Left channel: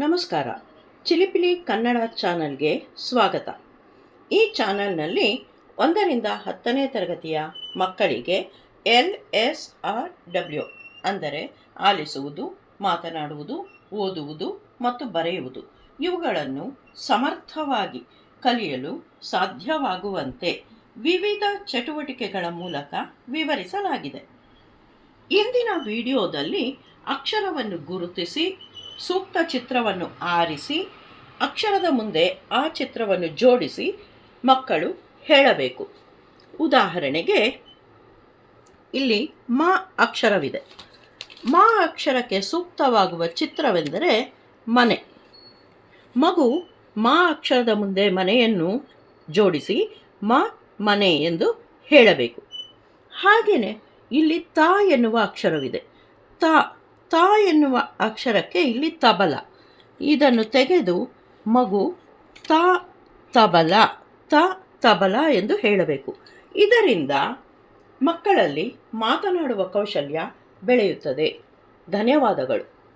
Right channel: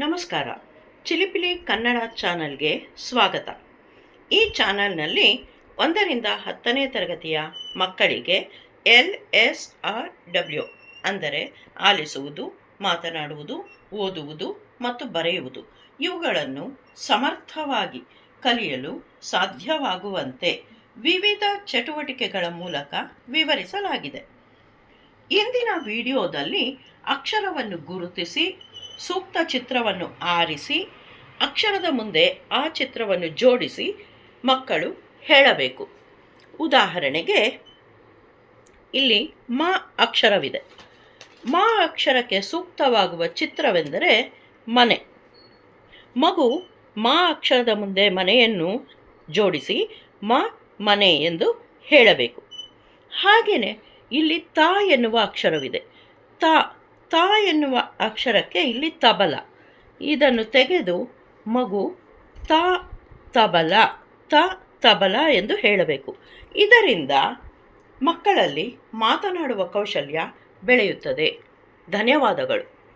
ನಮಸ್ಕಾರ. ಚಿಲಿಪಿಲಿ ಕನ್ನಡ ಚಾನಲ್ಗೆ ಸ್ವಾಗತ. ಈ ಚಾನಲ್ನಲ್ಲಿ 1ರಿಂದ 10ನೇ ತರಗತಿಯ ಮಕ್ಕಳಿಗೆ LSRW ಅಂದರೆ ಆಲಿಸುವುದು, ಮಾತನಾಡುವುದು, ಓದುವುದು ಮತ್ತು ಬರೆಯುವುದು ಇವುಗಳನ್ನು ಸಮರ್ಥವಾಗಿ ಕಲಿಯಲು ಸಾಧ್ಯವಾಗುವಂತೆ ವಿವಿಧ ಚಟುವಟಿಕೆಗಳ ಮೂಲಕ ವಿವರಿಸಲಾಗಿದೆ. ಇಂದಿನ ವಿಡಿಯೋದಲ್ಲಿ ಅಕ್ಷರವನ್ನು ಗುರುತಿಸಿ ಸೂಕ್ತ ಚಿತ್ರವನ್ನು ಆರಿಸಿ ಅಕ್ಷರದ ಮುಂದೆ ಆ ಚಿತ್ರವನ್ನು ಜೋಡಿಸಿ ಮಕ್ಕಳು ಹೇಳಬೇಕು. ಉದಾಹರಣೆಗೆ ಇಲ್ಲಿ ಮ ಅಕ್ಷರವಿದೆ. ಮ ಅಕ್ಷರಕ್ಕೆ ಸೂಕ್ತವಾಗುವ ಚಿತ್ರವೆಂದರೆ ಮನೆ. ಮಗು ಮ ಅಕ್ಷರದ ಮುಂದೆ ಮನೆಯನ್ನು ಜೋಡಿಸಿ ಮನೆ ಎಂದು ಹೇಳಬೇಕು. ಹಾಗೆಯೇ ಇಲ್ಲಿ ತ ಎನ್ನುವ ಅಕ್ಷರವಿದೆ. ತ ಎನ್ನುವ ಅಕ್ಷರಕ್ಕೆ ಇಲ್ಲಿ ತಬಲ. ಇದನ್ನು ತೆಗೆದು ಮಗು ತಬಲ ಎಂದು ಹೇಳಬೇಕು. ಇದರಿಂದ ಮಕ್ಕಳಲ್ಲಿ ಮಾತನಾಡುವ ಕೌಶಲ್ಯ ಬೆಳೆಯುತ್ತದೆ. ಧನ್ಯವಾದಗಳು.